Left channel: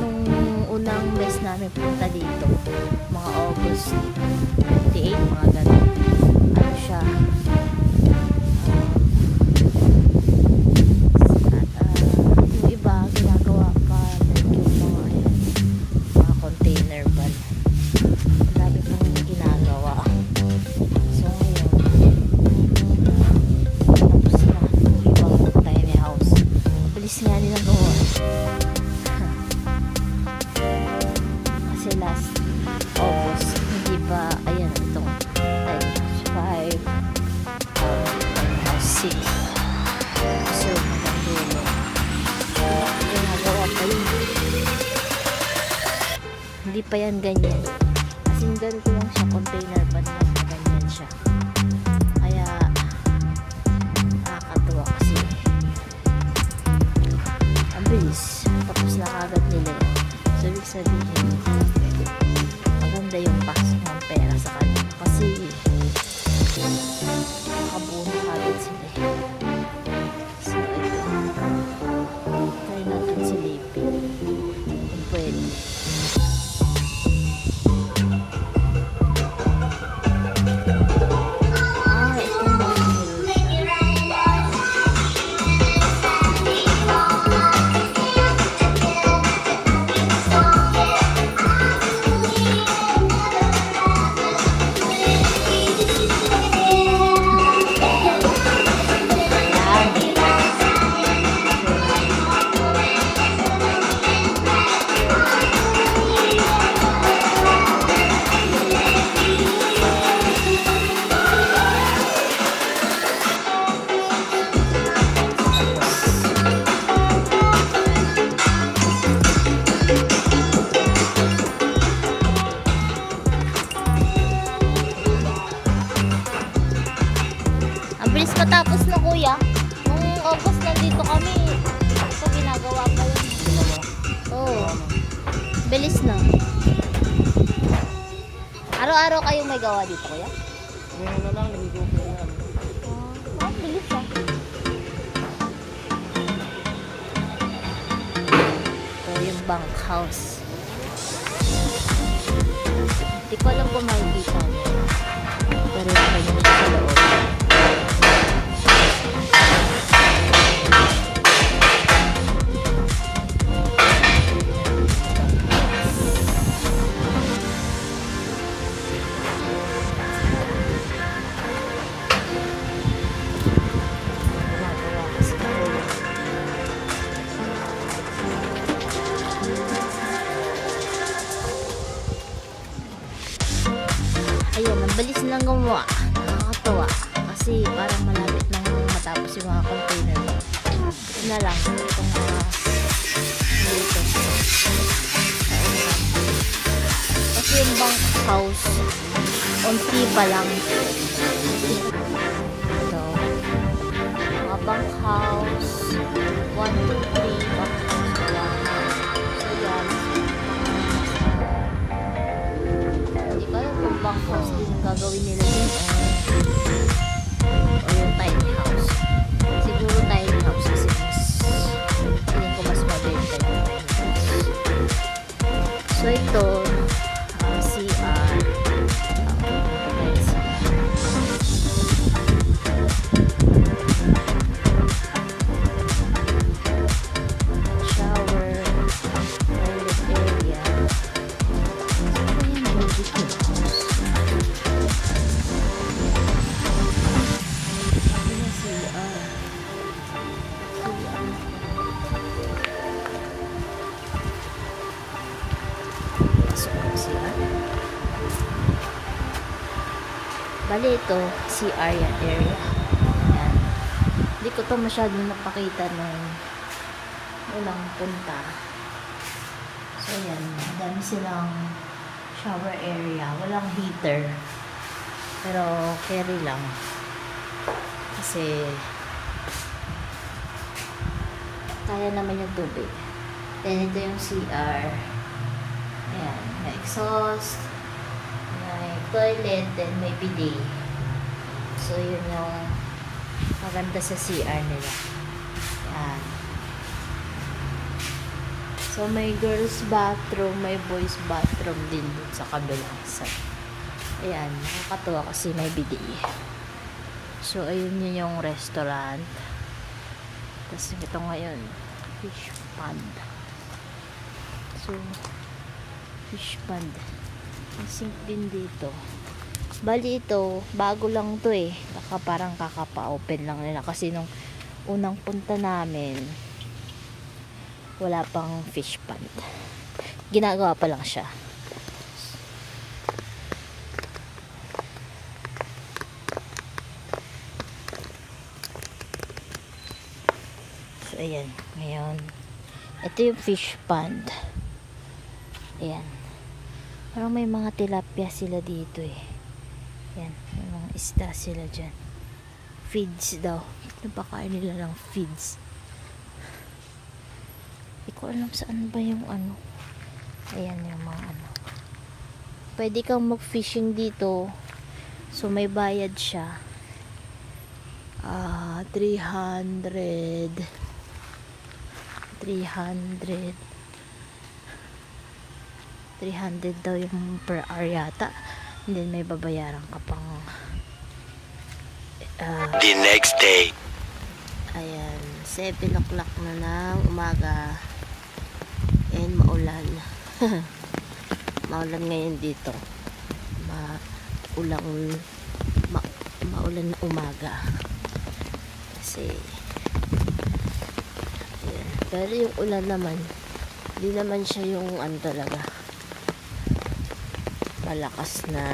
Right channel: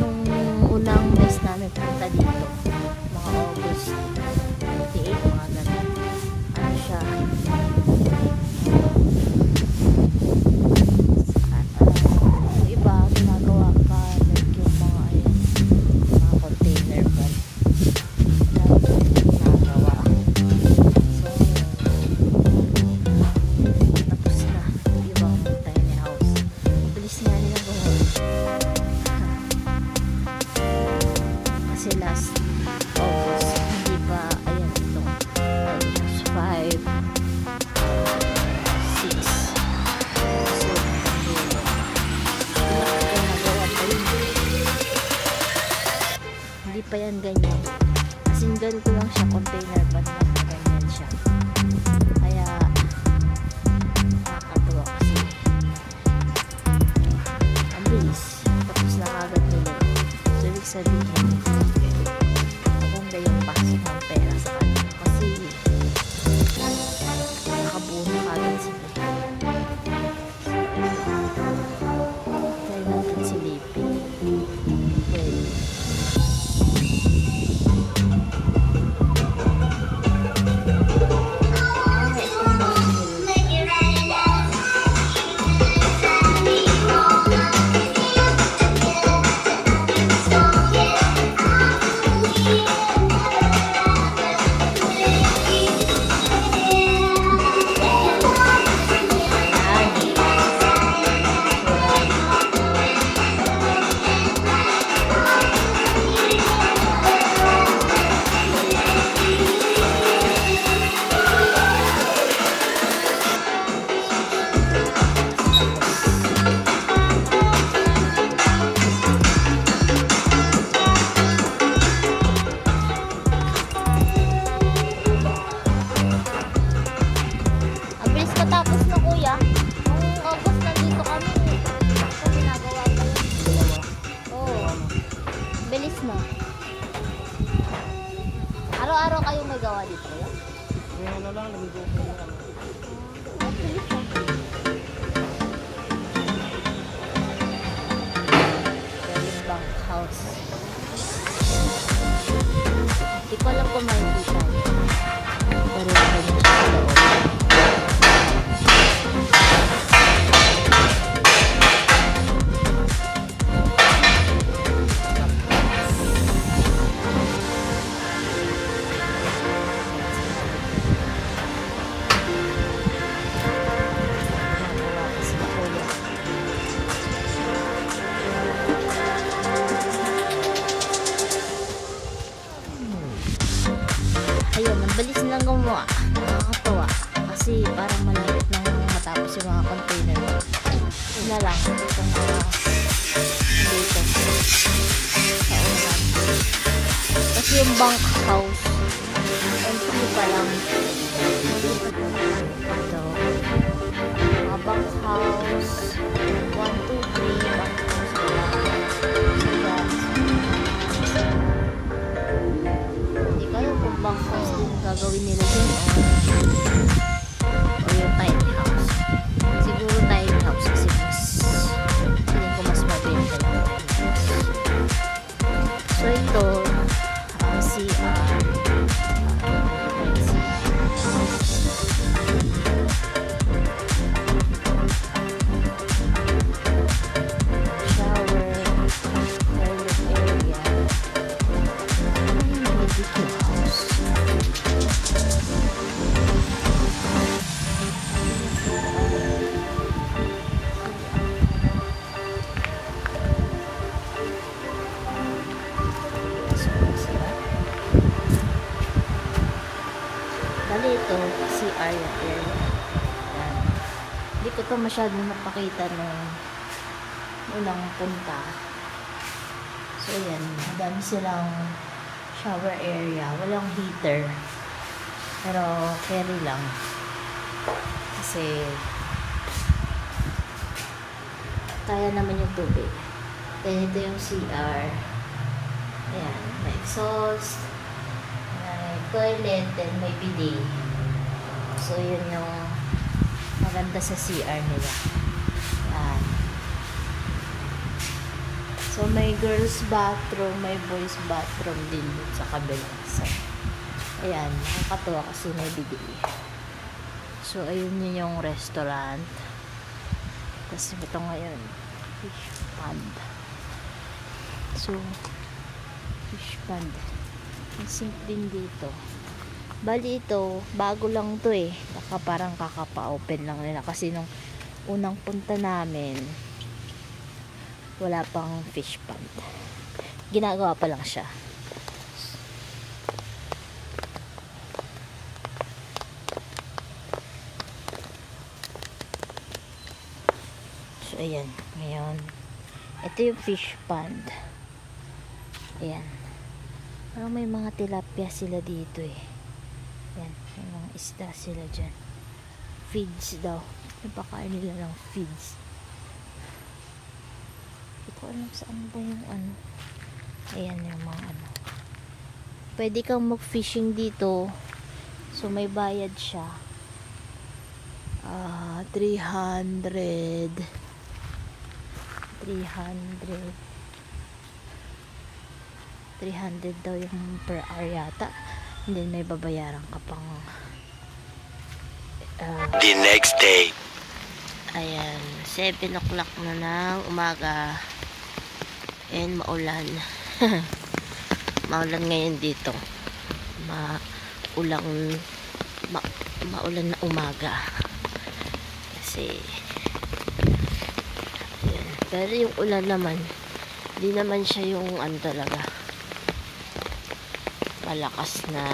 nung unang mes namin punta dito, mga August 28, mga ganun. Ano siya, yung iba ginagawa pa like yung mga ayan, mga container van, like yung ginagawa. So tapos na yung ibang tiny house. Bilis nga nila gawa kasi last August hindi pa, ayan, itong 5 6 so nagdulo ginagawa pa yun, hindi pa yan ganyan, asindan ko lang siya, container pa lang ganyan siya, kaya nakakatuwa kasi ang bilis, tapos na agad nila. So ibig sabihin maganda yung pasok ng pera sa kanila kasi nakabuo na agad sila. So ayun, try natin silipin pwede. Bilis matapos na kuya. Nung August nandito kami. Ito ginagawa pa yun. Oo. Bilis na. Araw-araw kayong may gawa dito kuya? Ngayon na lang, namigo ko na. Bilis na. Ito yung bank house. Hindi ko alam kung makikita niyo. Pero yung ganyan siya sa loob. Ayun, ang bilis lang gumawa. Nakakatuwa. Kasi parang malapit nang matapos yung mga container. Ito na lang. Itong mga dito. Sa unahan. Kasi yung bank house, unti pa lang. Ito. Mga bank house. 1, 2, 3 bank house. Wala na. So yan. Mga nasa kaya kung bank house din gagawin nila dyan o yung tiny house. Siguro tiny house kasi mas feeling ko mas mabenta yung tiny house. So ito CR shower, toilet area. Ayan, baby house. Bali ito, CR yung area. Ayan. Hindi ko to masyadong napakita nung unang punta. So yan, madami silang shower area. Walang heater. Pero carry lang. Kasi kaya naman yung tubig. Then ito yung CR. Ayan, may exhaust. May toilet, then may bidet. So yun yung maganda sa CR nila. Yan. So So, may girls bathroom, may boys bathroom din dun sa kabilang side. Ayan, nakakatuwa kasi may bidet. So, ayun yun yung restaurant. Tapos, ito ngayon, fish pond. So, fish pond. Ang sink din dito. Bali ito, bago lang to eh. Parang kakapa-open lang nila. Kasi nung unang punta namin, wala pang fish pond. Ginagawa pa lang siya. So, ayan. Ngayon, ito yung fish pond. Ayan. Parang may mga tilapia sila dito eh. Ayan. May mga isda sila dyan. Feeds daw. Napakain nila ng feeds. Hindi ko alam saan ba yung ano. Ayan yung mga ano. Pwede kang mag-fishing dito. So, may bayad siya. 300 daw yung per hour yata. And then may babayaran ka pang The next day. ayan, 7 o'clock na ng umaga and maulan. Maulan ngayon dito. Maulan na umaga kasi ayan. Pero yung ulan naman hindi naman siya yung ano talaga malakas na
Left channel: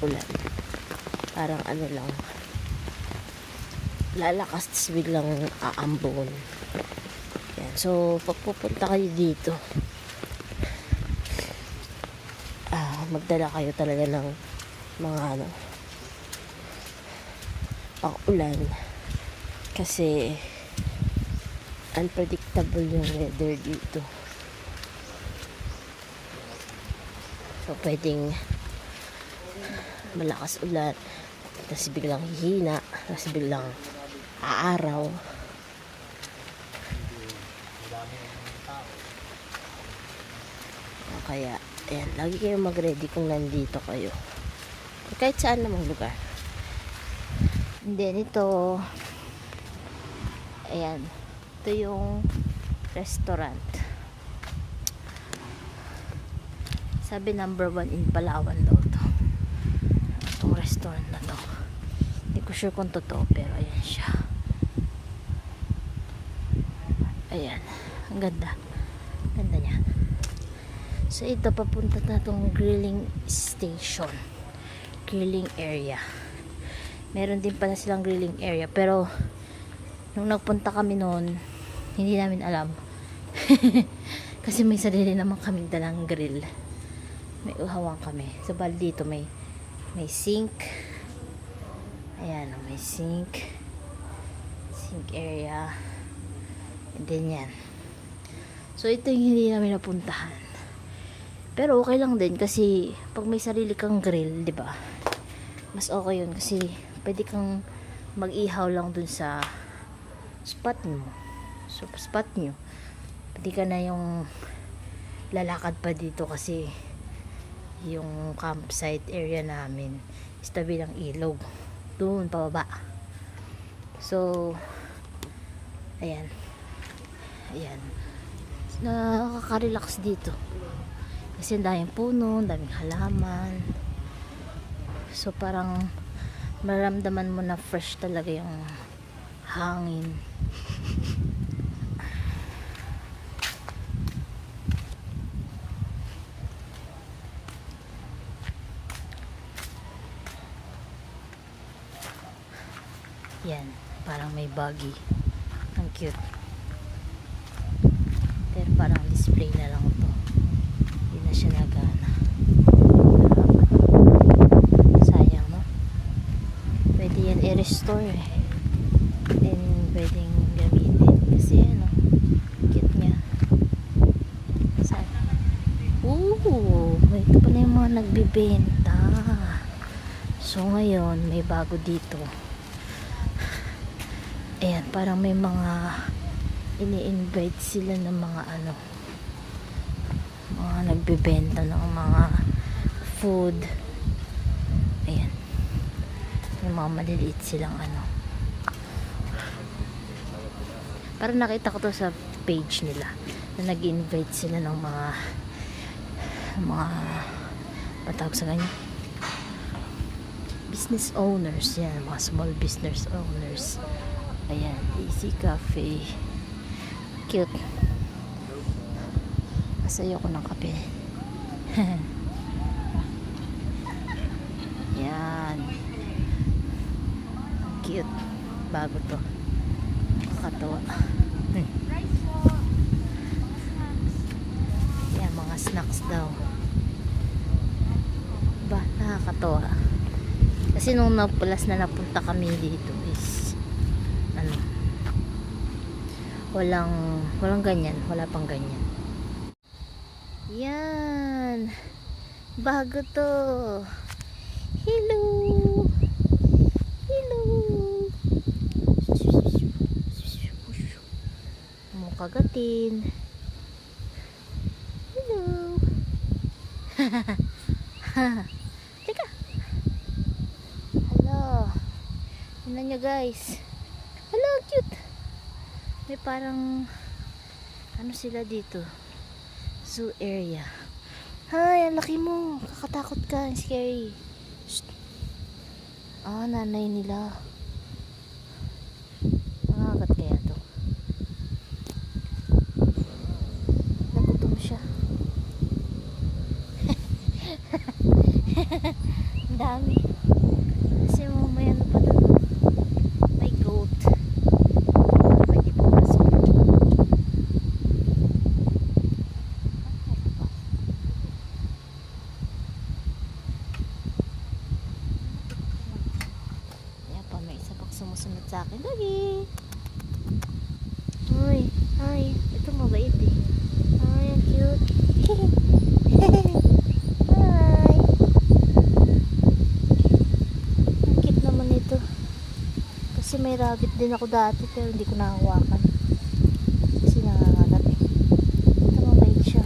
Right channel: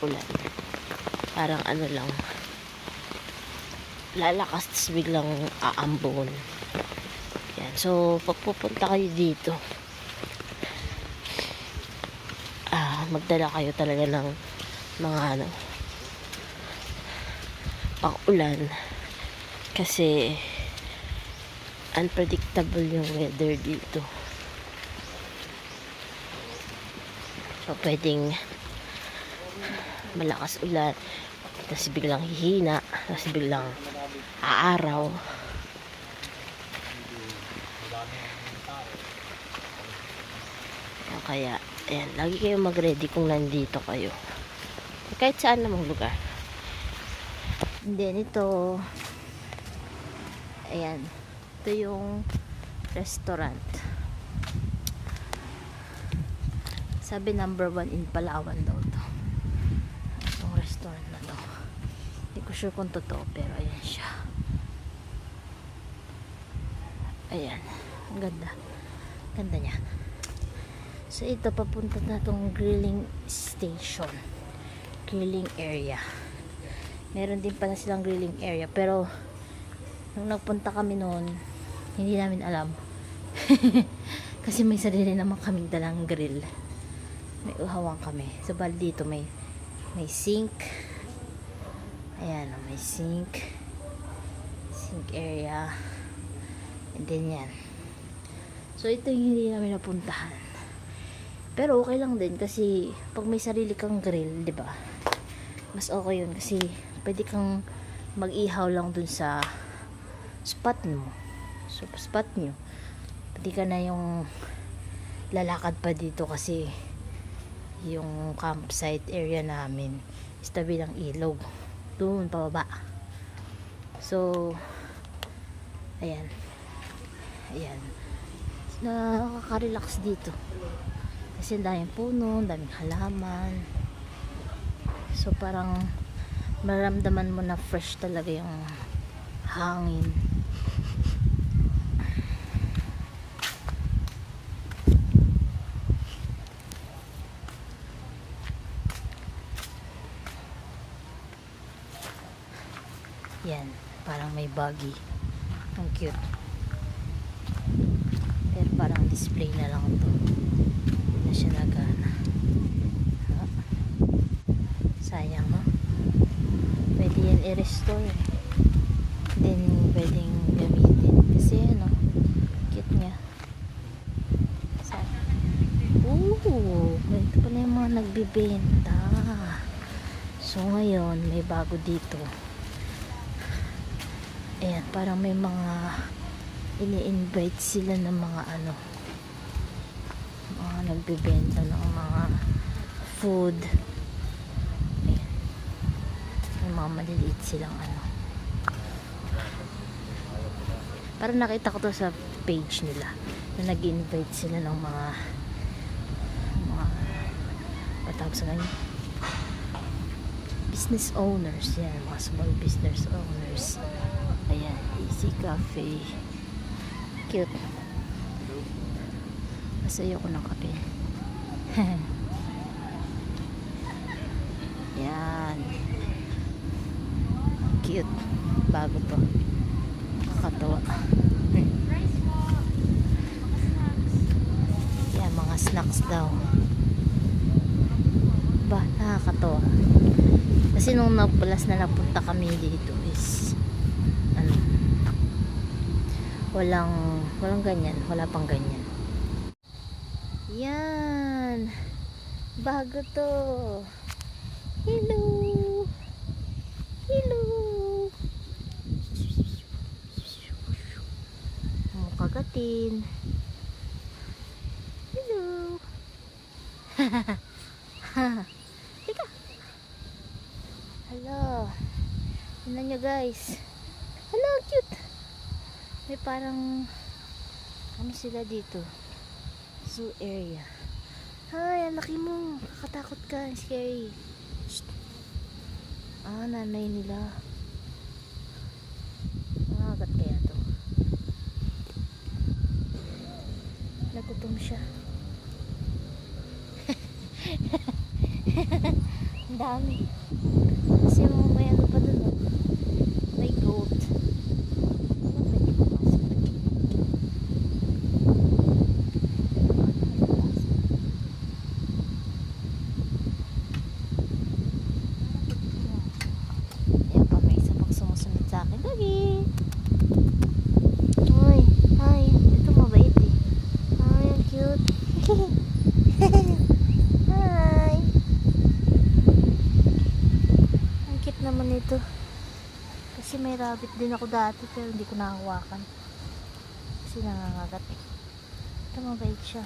ulan, parang ano lang, lalakas tapos biglang aambon. Yan. So pag pupunta kayo dito, magdala kayo talaga ng mga ano, pang ulan kasi unpredictable yung weather dito. So pwedeng malakas ulan, tapos biglang hihina, tapos biglang aaraw. Kaya ayan, lagi kayo mag-ready kung nandito kayo. Kahit saan namang lugar. And then ito, ayan, ito yung restaurant. Sabi number 1 in Palawan daw to. Itong restaurant na to. Hindi ko sure kung totoo, pero ayan siya. Ayan, ang ganda. Ganda niya. So ito, papunta na itong grilling station, grilling area. Meron din pala silang grilling area, pero nung nagpunta kami noon, hindi namin alam. Kasi may sarili naman kaming dalang grill. May uhawang kami. So bali dito may sink. Ayan, may sink area. And then yan. So ito yung hindi namin napuntahan. Pero okay lang din kasi pag may sarili kang grill, 'di ba? Mas okay 'yun kasi pwede kang mag-ihaw lang dun sa spot mo. So spot nyo. Pwede ka na yung lalakad pa dito kasi yung campsite area namin is tabi ng ilog. Doon pababa. So ayan. Ayan. Nakaka-relax dito. Kasi daming puno, daming halaman. So parang maramdaman mo na fresh talaga yung hangin. Yan, parang may buggy. Ang cute. Pero parang display na lang to. Hindi na siya nagana. Sayang, no? Pwede yan i-restore eh. Then pwedeng gamitin. Kasi ano, cute niya. Saan? May ito pa na yung mga nagbibenta. So ngayon, may bago dito. Ayan, parang may mga ini-invite sila ng mga ano, mga nagbebenta ng mga food. Ayan, yung mga maliliit silang ano. Parang nakita ko to sa page nila na nag-invite sila ng mga patawag sa ganyan, business owners. Yan, mga small business owners. Ayan, Easy Cafe. Cute. Kasi ayoko ng kape. Yan. Ang cute. Bago to. Nakakatawa. Yan, mga snacks daw. Ba, nakakatawa. Kasi nung napulas na napunta kami dito is ano, walang ganyan, wala pang ganyan. Yan, bago to. Hello, hello. Kagatin. Hello. Teka. Hello. Tingnan nyo guys. Hello, cute. May parang ano sila dito, zoo area. Hi, ang laki mo. Kakatakot ka. Ang scary. Shh. Ah, nanay nila. Nangagat kaya to. Nagutom siya. Ang dami. Kasi may ano pa doon. May goat. Ayan pa, may isa pang sumusunod sa akin. Dagi! Uy, hi. Ito mabait eh. Ay, ang cute. Hi. Ang cute naman ito. Kasi may rabbit din ako dati pero hindi ko nakahawakan. Kasi nangangagat eh. Ito mabait siya.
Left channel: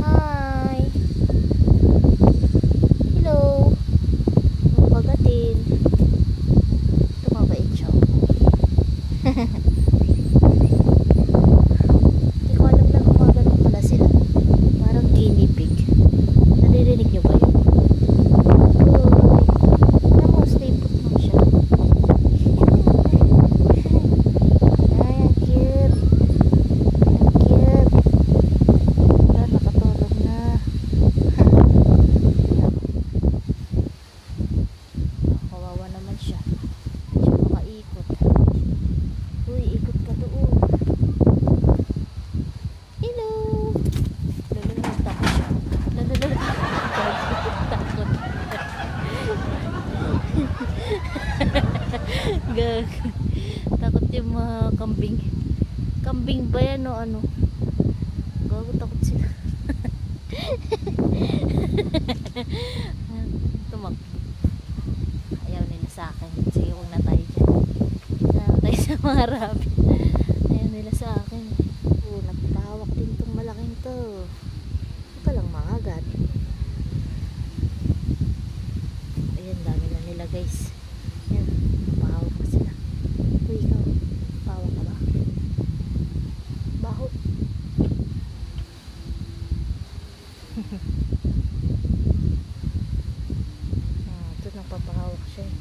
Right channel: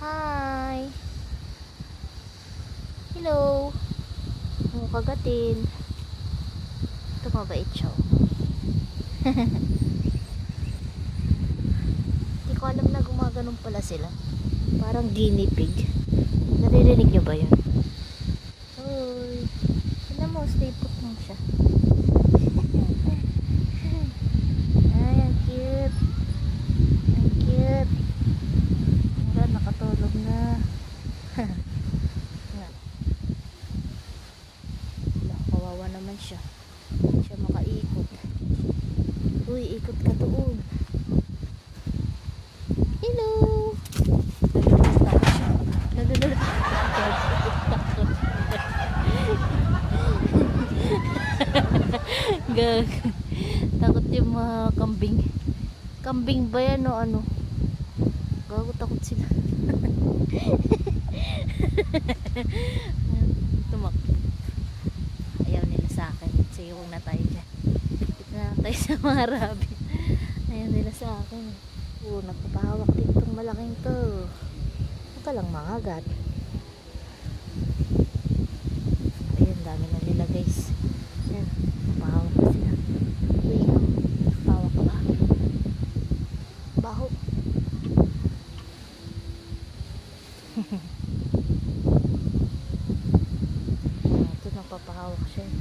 Hi. Hello. Kagatin. Ito mabait siya. Hindi ko alam na gumaganon pala sila. Parang guinea pig. Naririnig niyo ba yun? Uy. Alam mo, stay put mo siya. Ay, ang cute. Ang cute. Wala, nakatulog na. Kawawa naman siya. Hindi siya makaikot. Uy, ikot ka doon. Hello. Takot siya. Lalalala. Takot. Gag. Takot yung mga kambing. Kambing ba yan o ano? Gago, takot sila. Tumakbo. Ayaw nila sa akin. Sige, huwag na tayo dyan. Na tayo sa mga rabbit. Ayaw nila sa akin. Oo, nagpapahawak din itong malaking to. Huwag ka lang mangagat. Ayan, dami na nila guys. Ayan, napahawak na sila. Uy, ikaw. Pahawak ka ba? Baho. Ito, nagpapahawak siya eh.